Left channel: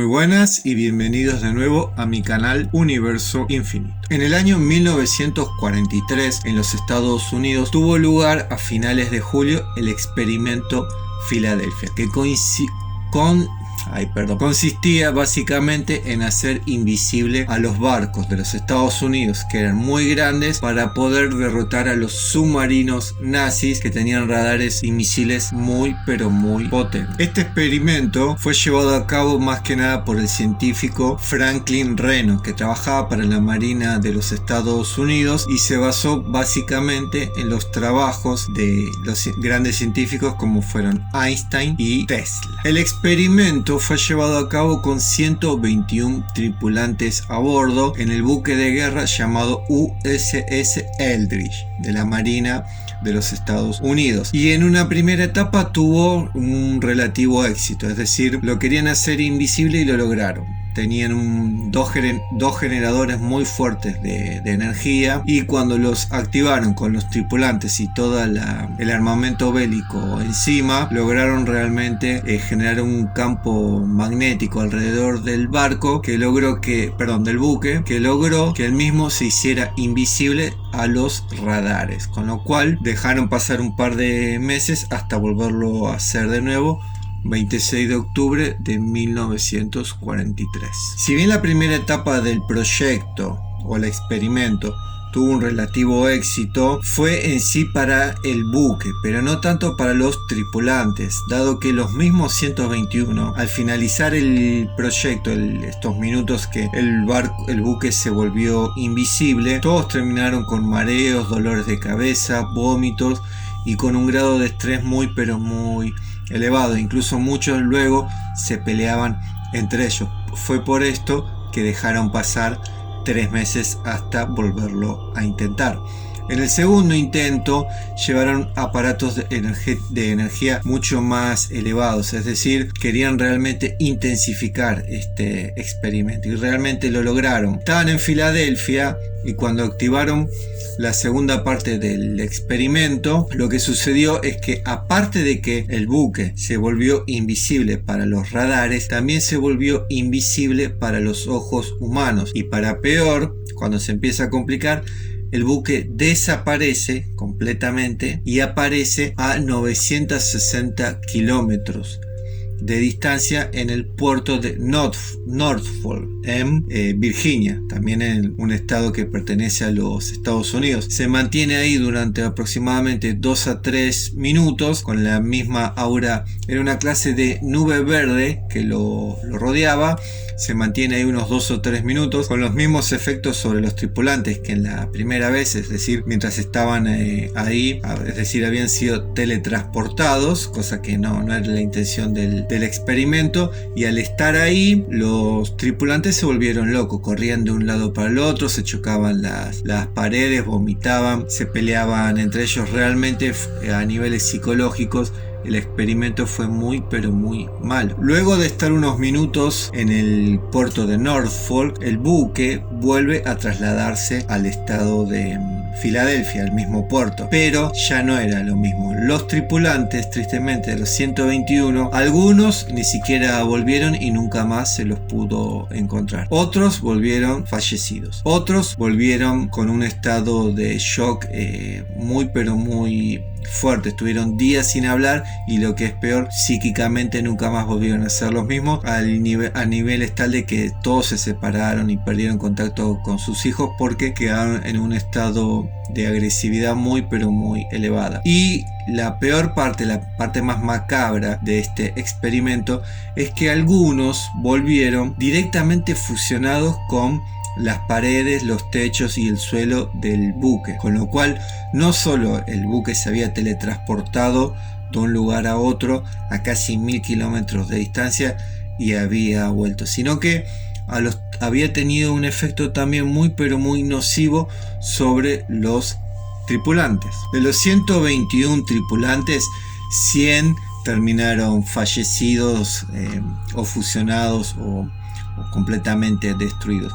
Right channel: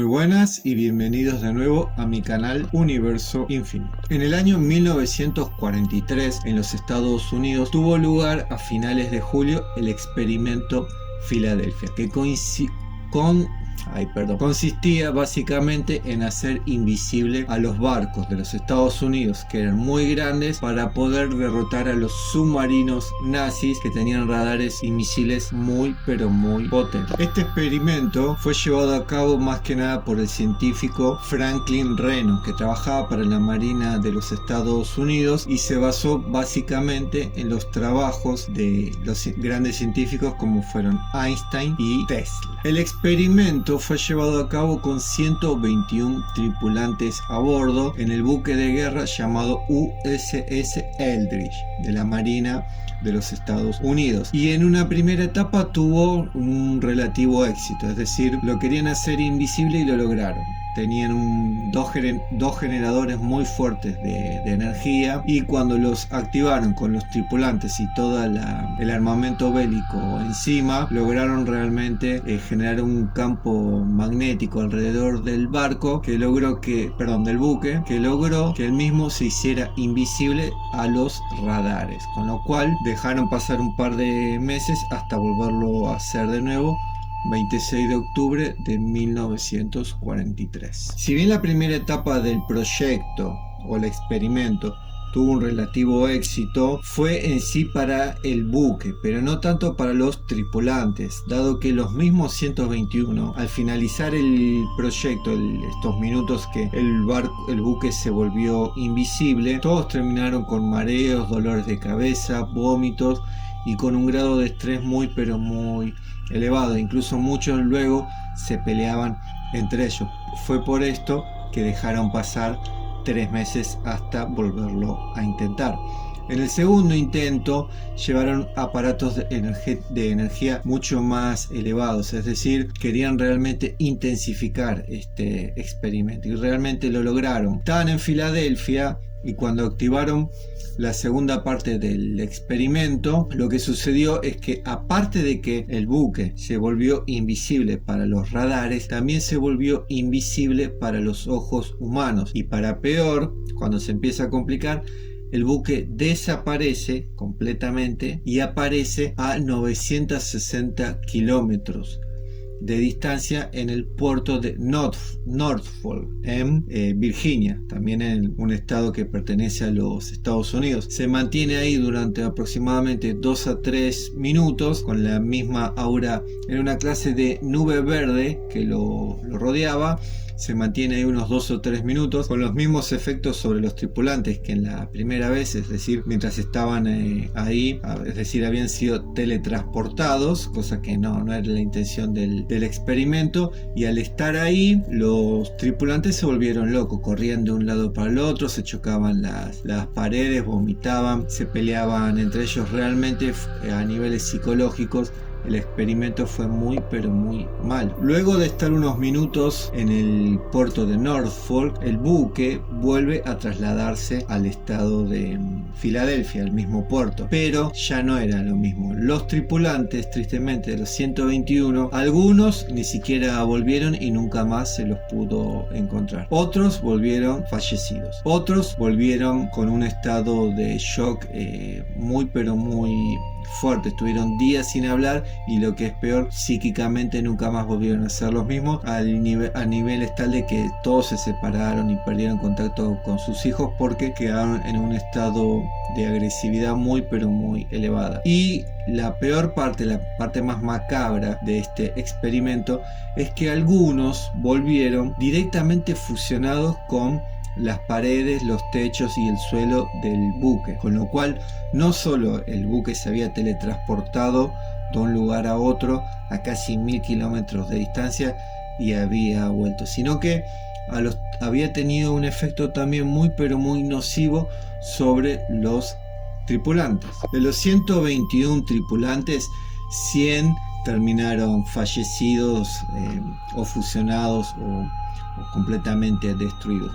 Muy buenas y bienvenidos de nuevo a mi canal Universo Infinito. En el año 1943 en los Estados Unidos tuvo lugar a finales de julio el experimento Filadelfia, que consistía básicamente en hacer invisible a los barcos de los Estados Unidos, que eran muy grandes, para poder derrotar a los submarinos nazis que tenían radares y misiles muy potentes. Este experimento fue llevado a cabo más que nada por el científico Franklin Reno, que trabajaba para la Marina de los Estados Unidos, y se basó básicamente en los trabajos de los grandes científicos como fueron Einstein y Tesla. El experimento fue llevado a cabo con 121 tripulantes a bordo en el buque de guerra llamado USS Eldridge de la Marina de los Estados Unidos, y en una primera etapa tuvo un relativo éxito, es decir, lo querían hacer invisible y lo lograron. Tenían dos generadores muy fuertes de energía, y cuando los activaron con los tripulantes y todo el armamento bélico encima, lograron realmente generar un campo magnético alrededor del barco del buque, que logró que el mismo se hiciera invisible a los radares, con lo cual dejaron pasar un par de meses hasta volverlo a hacer de nuevo, 26 de octubre de 1943. Si bien la primera etapa del proyecto o el experimento tuvo un relativo éxito, fue en sí para el buque, pero no tanto para los tripulantes, dado que los mismos 121, al finalizar el proyecto, estos minutos que el buque se volvió invisible, todos terminaron con mareos, dolores de cabeza, vómitos y con un grado de estrés muy elevado. Incluso muchos luego se peleaban entre ellos. Fue por esto que dejaron pasar 3 meses hasta volverlo a intentar. En el segundo intento llevaron aparatos de energía mucho más elevados, es decir, querían realmente intensificar este experimento, y realmente lo lograron. Estaban en Filadelfia, y cuando activaron la segunda parte del experimento, lo que sucedió es que, aparte de que el buque se volvió invisible para los radares, también se volvió invisible para los ojos humanos, y para peor, cuando se empieza a complicar, el buque desaparece completamente y aparece a 960 kilómetros de distancia en el puerto de Norfolk, en Virginia, también en un estado que pertenece a los Estados Unidos. Se mantiene ahí durante aproximadamente 2 a 3 minutos con la misma aura. Era una clase de nube verde que lo rodeaba. Se mantiene ahí unos 2 o 3 minutos con los mismos efectos sobre los tripulantes que en la primera vez, es decir, mientras estaban ahí, es decir, habían sido teletransportados, cosa que no era la intención del experimento, y al estar ahí los tripulantes se volvieron locos, corrían de un lado para el otro, se chocaban las paredes, vomitaban, se peleaban entre ellos. Realmente a niveles psicológicos el experimento fue muy malo. Luego de estar unos minutos en el puerto de Norfolk, el buque vuelve a trasladarse al estado de Filadelfia, al mismo puerto, pero ya no era lo mismo. Los tripulantes, tristemente, de los 121, algunos ni siquiera volvieron y nunca más se los pudo encontrar. Otros volvieron fallecidos. Otros volvieron con un estado de shock muy fuerte. Estuvieron días sin hablar, y lo que es peor, psíquicamente nunca más volvieron a ser los mismos, a niveles tal de que todos se separaron y perdieron contacto con sus hijos porque quedaron en un estado de agresividad muy elevada. Y la peor parte, la parte más macabra de este experimento, es que algunos volvieron directamente fusionados con las paredes, los techos y el suelo del buque, con lo cual no solo el buque se había teletransportado de un lugar a otro a casi 1000 kilómetros de distancia y había vuelto, sino que había tenido un efecto también muy nocivo sobre los tripulantes. De los 121 tripulantes, 100 terminaron fallecidos o fusionados o completamente destruidos.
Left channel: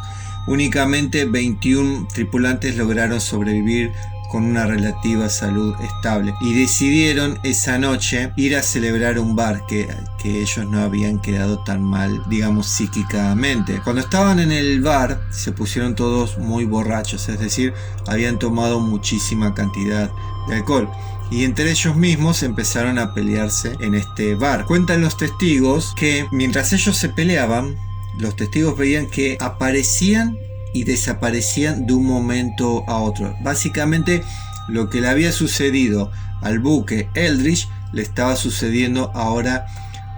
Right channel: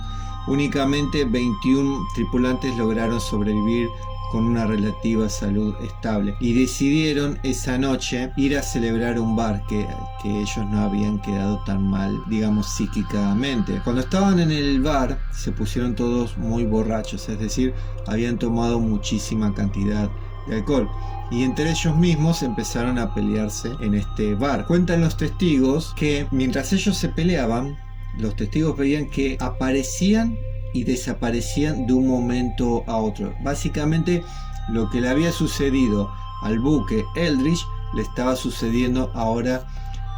Únicamente 21 tripulantes lograron sobrevivir con una relativa salud estable, y decidieron esa noche ir a celebrar un bar que ellos no habían quedado tan mal, digamos, psíquicamente. Cuando estaban en el bar se pusieron todos muy borrachos, es decir, habían tomado muchísima cantidad de alcohol, y entre ellos mismos empezaron a pelearse en este bar. Cuentan los testigos que mientras ellos se peleaban, los testigos veían que aparecían y desaparecían de un momento a otro. Básicamente lo que le había sucedido al buque Eldridge le estaba sucediendo ahora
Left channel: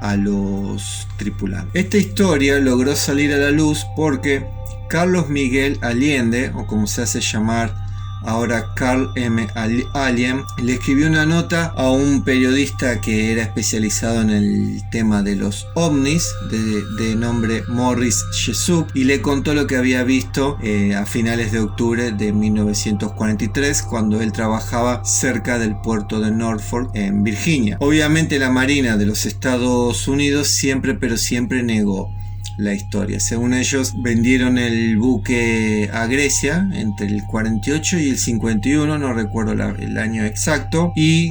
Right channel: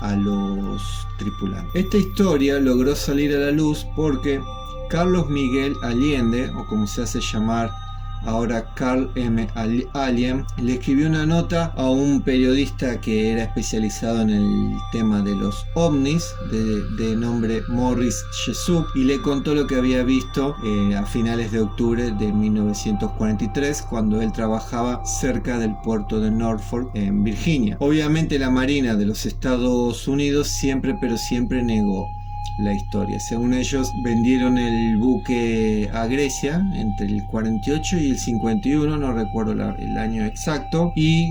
a los tripulantes. Esta historia logró salir a la luz porque Carlos Miguel Allende, o como se hace llamar ahora Carl M. Allien, le escribió una nota a un periodista que era especializado en el tema de los ovnis, de nombre Morris Jessup, y le contó lo que había visto a finales de octubre de 1943, cuando él trabajaba cerca del puerto de Norfolk en Virginia. Obviamente la Marina de los Estados Unidos siempre negó la historia. Según ellos, vendieron el buque a Grecia entre el 48 y el 51, no recuerdo el año exacto, y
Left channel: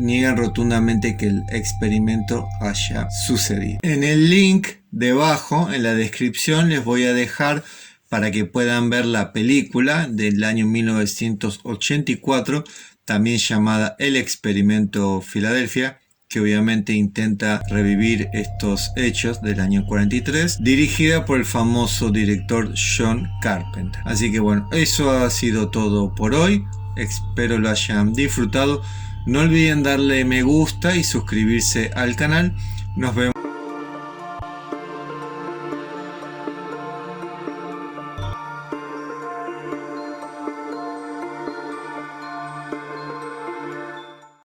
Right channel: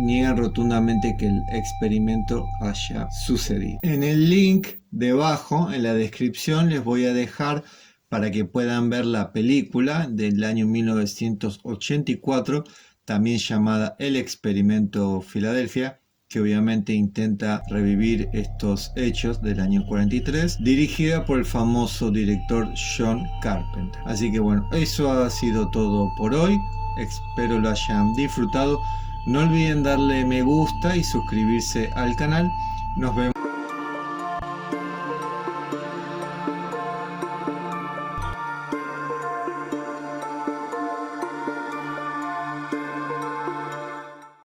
niegan rotundamente que el experimento haya sucedido. En el link debajo, en la descripción, les voy a dejar para que puedan ver la película del año 1984, también llamada El Experimento Filadelfia, que obviamente intenta revivir estos hechos del año 43, dirigida por el famoso director John Carpenter. Así que bueno, eso ha sido todo por hoy. Espero lo hayan disfrutado. No olviden darle me gusta y suscribirse al canal. Nos vemos.